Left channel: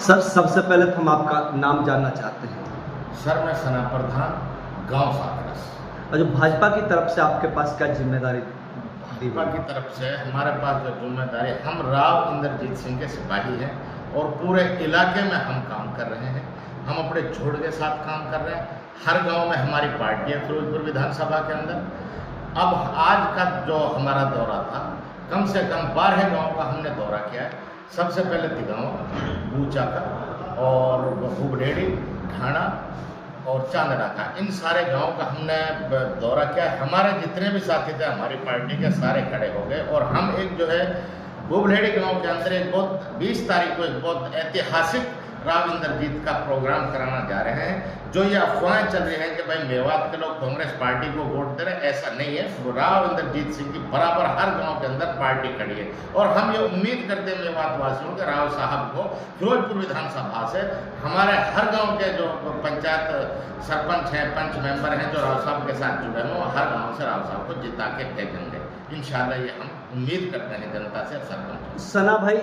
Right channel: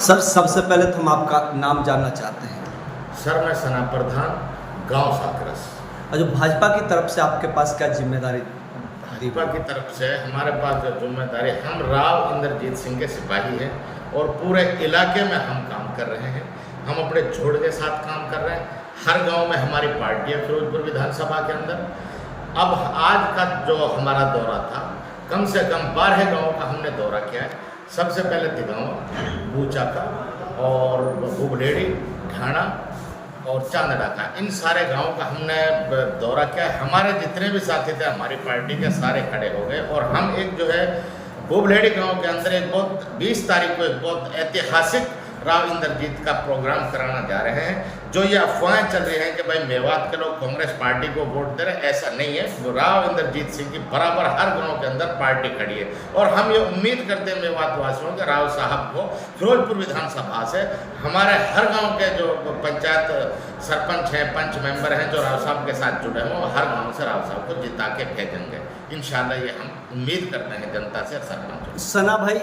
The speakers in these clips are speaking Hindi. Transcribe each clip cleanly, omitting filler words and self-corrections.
सर सबसे पहले तो हम आपका नाम जानना चाहते हैं। सर मैं सना प्रधान, गांव साकरस। और जो भाजपा की तरफ से आपके पास क्या जिम्मेदारी भाजपा की तरफ से हमारे पास जो जिम्मेदारी, हम राव इंद्रजीत सिंह के सिपाही हैं और पूरे इलाके में हम काम कर रहे हैं। हम अपने जोड़ के साथ काम कर रहे हैं। हर गांव में हमारी पार्टी है फिरोजपुर विधानसभा के अंदर। अब आज का जो हमारा दौरा था, कम से कम 12 गाँव का हमने दौरा किया है। सबसे पहले तिगावा, बूचाका और बुबलेड़ी, ढाणा और चांदड़ा का, इन सारे गांवों का हमने दौरा किया है। हमारे जितने भी साथी थे हमारी पार्टी के, सारे खड़े हो गए और हम एक जो है बुबलेड़ी गांव के अंदर एक बहुत 20 तारीख को एक बहुत ऐतिहासिक राव इंद्रजीत का प्रोग्राम कराना जा रहे हैं। जो ये अफवाहें चल रही हैं कि भाई मेवात के लोग कांग्रेस पार्टी को वोट दे रहे हैं, ऐसा नहीं है। राव इंद्रजीत सिंह की बराबर हर गांव के अंदर पार्टी खड़ी है और हम ये उम्मीद करते हैं मेवात वासियों के राव साहब को फिरोजपुर विधानसभा से हमारे हर गांव के जो पंचायत सरपंच हैं, पंच मेंबर हैं, जो राव साहब के साथ जुड़े हुए, हर गाँव से राव साहब को जिता के भेजेंगे इंशाल्लाह। ये हम उम्मीद करते हैं जनता से, सरपंचों। सना भाई,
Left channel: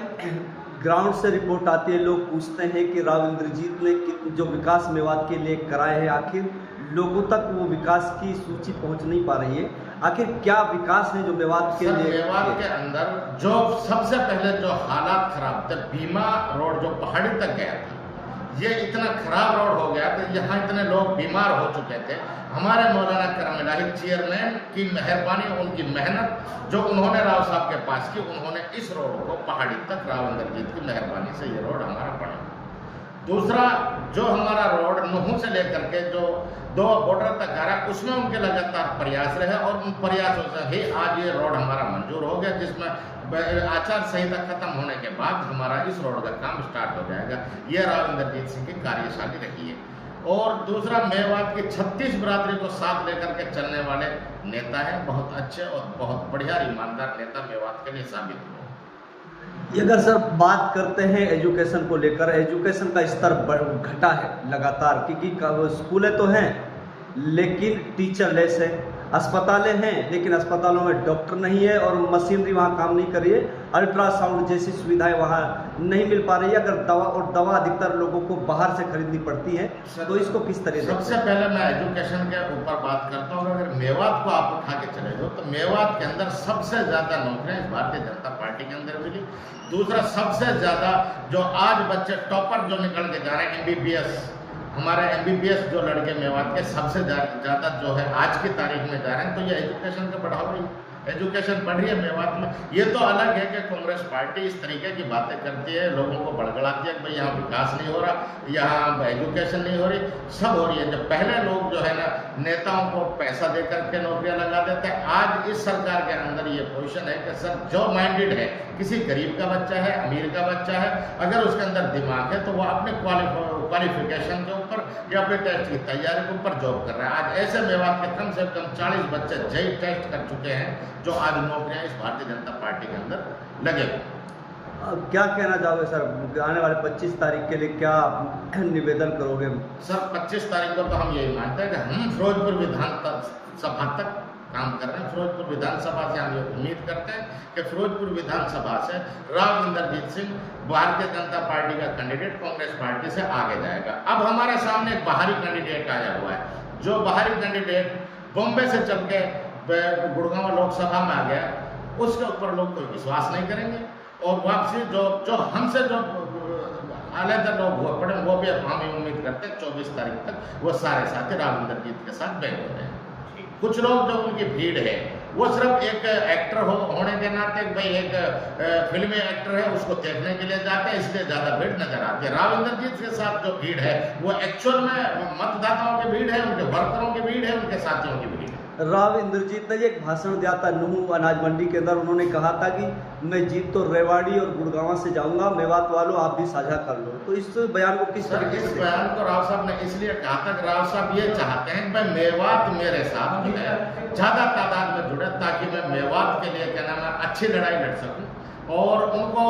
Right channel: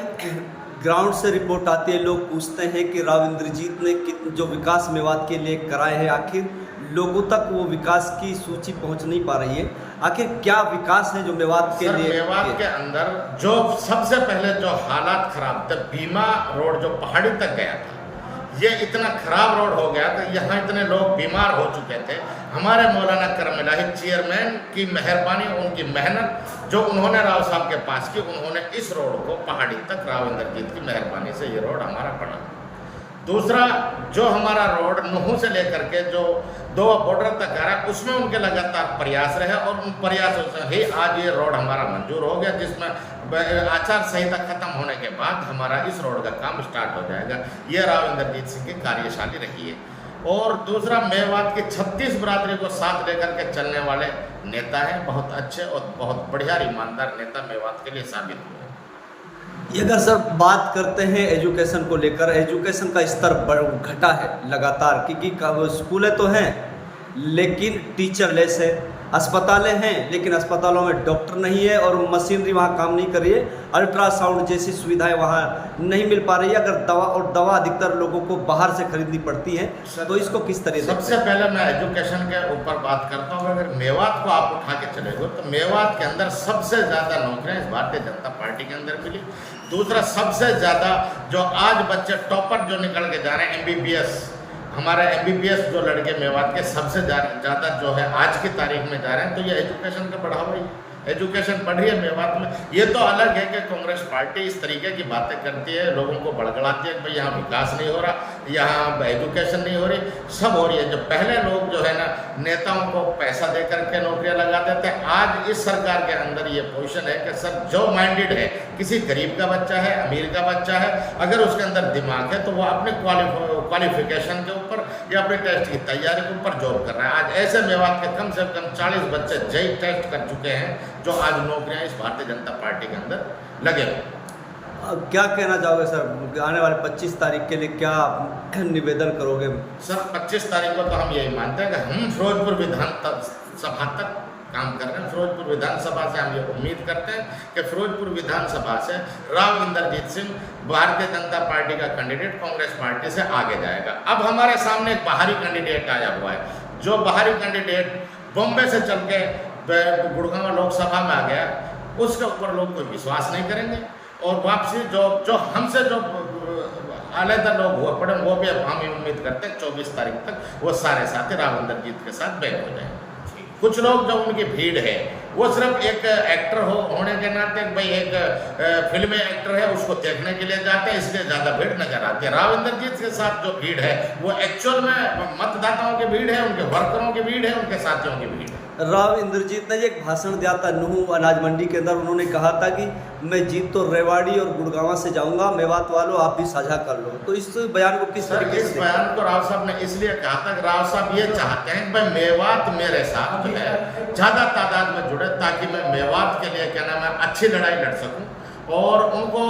ग्राउंड से रिपोर्ट आती है, लोग पूछते हैं कि राव इंद्रजीत ने जो विकास मेवात के लिए कराए हैं, आखिर लोगों तक वो विकास की सूची पहुंच नहीं पा रही है। आखिर क्या विकास है जो मेवात के लिए? मेवात के अंदर जो सबसे पहले जो हालात खराब थे, बीमा रोड जो पहाड़ी तक गया था, ये इतना खराब रोड हो गया कि यहाँ इतने लोग बीमार हो चुके थे। हमारे मौलाना करम इलाही चेयरमैन की मेहरबानी, उनकी मेहनत जो उन्होंने राव साहब के पास की, उन्होंने इस रोड को पहाड़ी तक राव इंद्रजीत की मेहरबानी से ये रोड हमारा बना। दूसरा, जो हमारा रोड नुहू से लेकर के जो 2 बॉर्डर तक आ रहा है, उसमें उनके लगातार प्रयास रहे और उन प्रयासों से ही आज ये रोड हमारा मंजूर हो गया, जिसमें आचार संहिता खत्म होने के बाद हमारा इस रोड का काम स्टार्ट हो जाएगा। ये राव इंद्रजीत सिंह की कार्यशाली रही है। और दूसरा, मेवात की 36 बरादरी को साथ लेकर के चलने वाले नेता हैं, बहुत अच्छे और बहुत बढ़िया ईमानदार नेता मेवात के लिए साबित हुए। ये अगर सर बात करते हैं एजुकेशन को लेकर, एजुकेशन का स्तर घटा है लगातार, क्योंकि स्कूलें तो हैं लेकिन टीचरलेस है, अस्पतालें हैं लेकिन अस्पतालों में डॉक्टर नहीं है और मशीनरी वहाँ काम नहीं कर रही है, अल्ट्रासाउंड जैसी सुविधाएं वहाँ नहीं मिल पा रही है। अगर दवा अधिकतर लोगों को बाहर से खरीदनी पड़ती है, तो इसको किस तरह से? सबसे पहले मैं एजुकेशन के ऊपर बात करता हूँ। अगर मेवात को आप उठा के चले गए तो मेवात के अंदर सबसे ज़्यादा नौकरियाँ इस भारतीय जनता पार्टी के अंदर मिली। दूसरा, सबसे ज़्यादा जो आज बच्चे टॉपर जो निकल के जा रहे हैं, MBBS, हमारे MBBS जो लड़के मेवात के सबसे ज़्यादा जो है आज की तारीख में जा रहे हैं, तो ये एजुकेशन का बढ़ावा ही, एजुकेशन बढ़ रही है मेवात में। ये तो अलग है कि कांग्रेस पार्टी इस तरीके की बातें करती है, लोगों को बड़गड़ाती है कि भाई यहाँ विकास नहीं हो रहा, यहाँ एजुकेशन नहीं हो रही, सब हो रही है। जो पहले लोग जो है ना नेताओं को पैसा दे करके नौकरियाँ लगा देते हैं, आज इस सरकार के अंदर ये पोजीशन है कि सर जो माइंडेड है, किसी गरीब का बच्चा है, अमीर का बच्चा है, अगर उसके अंदर दिमाग है तो वह अपने क्वालिफिकेशन के ऊपर या अपने टेस्ट की तैयारी के ऊपर जॉब कर रहा है। आज ऐसे मेवात के कम से कम 40 बच्चे JEE टेस्ट कर चुके हैं, जो आज नौकरियां इस भारतीय जनता पार्टी के अंदर लगे हुए। क्या कहना चाहोगे सर, आने वाले 25 तारीख के लिए क्या निवेदन करोगे? सर 25 तारीख को तो हम यही मानते हैं कि हम फिरोजपुर विधानसभा तक काम कर रहे हैं। फिरोजपुर विधानसभा से हम ये उम्मीद करते हैं कि फिरोजपुर विधानसभा से राव इंद्रजीत सिंह भारतीय जनता पार्टी का कैंडिडेट कांग्रेस पार्टी से आगे जाएगा। अब हमारे सामने एक बाहरी कैंडिडेट आया हुआ है, जो बाहरी कैंडिडेट बॉम्बे से चल के गुड़गांव लोकसभा में आ गया, उसके ऊपर लोग कोई विश्वास नहीं करेंगे और वापसी जो हमसे जो अलग लोग हुए पड़े, वो भी अब हम उम्मीद करते हैं 24 तारीख तक वो सारे साथी राव इंद्रजीत के साथ बैक हो जाएंगे। कुछ लोग जो उनकी भीड़ है, वो सिर्फ एक एक्टर होने के नाते, भाई एक फिल्मी एक्टर है उसको देखने के लिए जाते हैं, इसलिए ज़्यादा भीड़ नजर आती है। राव इंद्रजीत के साथ जो भीड़ है वो एक्चुअल में मतदाताओं की भीड़ है, उनके वर्करों की भीड़ है, उनके साथियों की भीड़ है। राव इंद्रजीत ने एक भाषण दिया था नुहू अनाज मंडी के अंदर, उन्होंने कहा था कि मैं जीत तो रेवाड़ी और गुड़गांव से जाऊंगा, मेवात वालों आप भी साझा कर लो। तो इस बयान को किस तरह? इस बयान को राव साहब ने इसलिए कहा था कि राव साहब ये चाहते हैं कि भाई मेवात मेरे साथ जो है ज़्यादा तादाद में जुड़े, ताकि मैं मेवात के लिए क्या नाम है अच्छी लड़ाई लड़ सकूं और उनको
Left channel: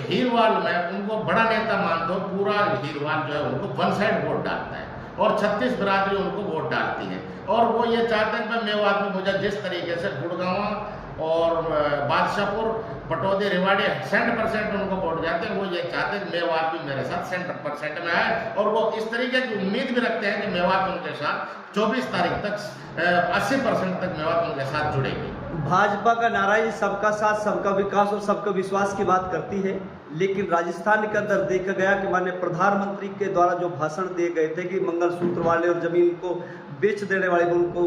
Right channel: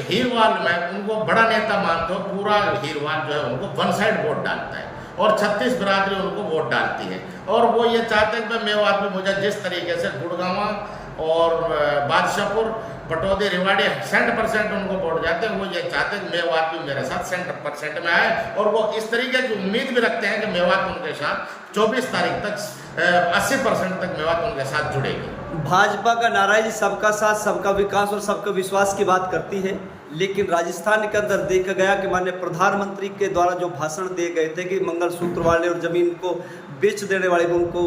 हीरवाल में उनको बड़ा नेता मानते हो। पूरा हीरवाल जो है उनको वन साइड वोट डालता है और 36 बरादरी उनको वोट डालती है और वो ये चाहते हैं कि मेवात में मुझे जिस तरीके से गुड़गांव और बादशाहपुर, पटौदी, रेवाड़ी 100% उनको वोट जाते हैं। वो ये चाहते हैं कि मेवात भी मेरे साथ 100% में आए, और वो इस तरीके की उम्मीद भी रखते हैं कि मेवात उनके साथ 24 तारीख तक 80% तक मेवात उनके साथ जुड़ेगी। भाजपा का नारा है सबका साथ, सबका विकास और सबका विश्वास की बात करती है, लेकिन राजस्थान के अंदर देखा गया कि माननीय प्रधानमंत्री के द्वारा जो भाषण दिए गए थे कि मंगलसूत्र वाले और जमीन को बेच देने वाले, उनको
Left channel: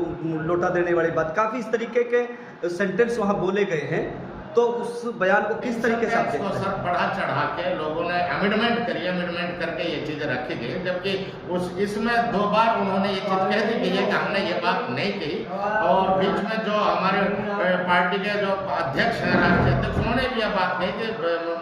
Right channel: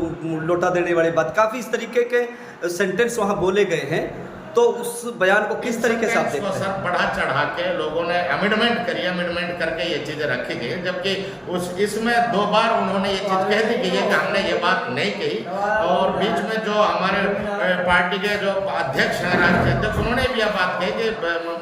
लौटा देने वाली बात, काफ़ी इस तरीके के सेंटेंस वहाँ बोले गए हैं। तो उस बयान को किस तरीके से आप देखते हैं? सर बढ़ा चढ़ा के लोगों ने अमेंडमेंट करी, अमेंडमेंट करके ये चीज़ें रखी गई, जबकि इसमें 2 बार उन्होंने ये चीज़ कह दी गई है कि हमने ये बात नहीं कही। और बीच में जो हमारे पार्टी के जो अध्यक्ष हैं, राष्ट्रीय अध्यक्ष, उन्होंने भी यह बात कही कि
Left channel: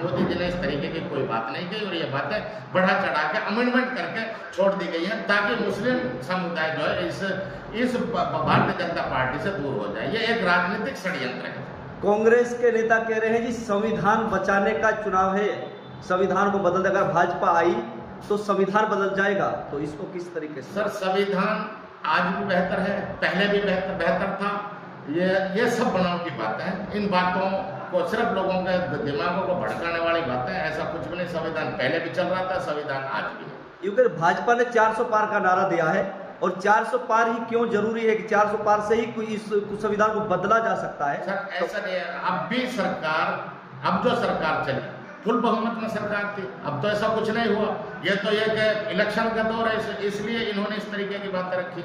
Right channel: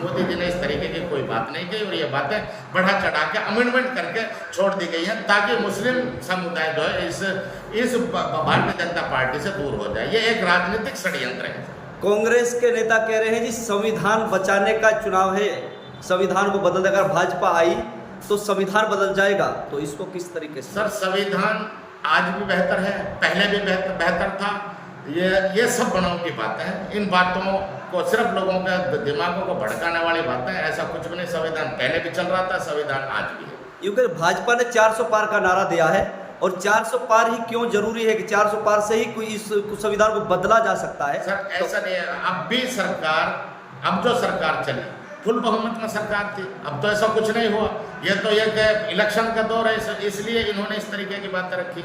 मोदी जी ने इस तरीके की कोई बात नहीं कही, और ये बातें बढ़ा चढ़ा के अमेंडमेंट करके छोड़ दी गई हैं, ताकि मुस्लिम समुदाय जो है इस भारतीय जनता पार्टी से दूर हो जाए। ये एक राजनीतिक षड्यंत्र है। कांग्रेस के नेता कह रहे हैं जी संविधान बचाने का चुनाव है, संविधान को बदल देगा, भाजपा आई तो संविधान बदल जाएगा, तो इसको किस तरीके से? सर संविधान आज भी बेहतर है, पहले भी बेहतर था। ये सब बनावटी बातें हैं। इन बातों को सिर्फ लोगों के दिमागों को भड़काने वाली बातें हैं। ऐसा कुछ भी नहीं। संविधान पहले भी चल रहा था, संविधान आज भी है। क्योंकि भाजपा ने 400 पार का नारा दिया है, और 400 पार ही क्यों जरूरी है कि 400 पार से ही कोई इस संविधान को बदला जा सकता है? सर ऐसा नहीं है। अब भी सरकार, अब जो सरकार चली फुल बहुमत में सरकार थी, अब तो ऐसा कुछ नहीं हुआ। ये तो ये कि इलेक्शन का दौर है, इसलिए इन्होंने इस तरीके की बातें रखी।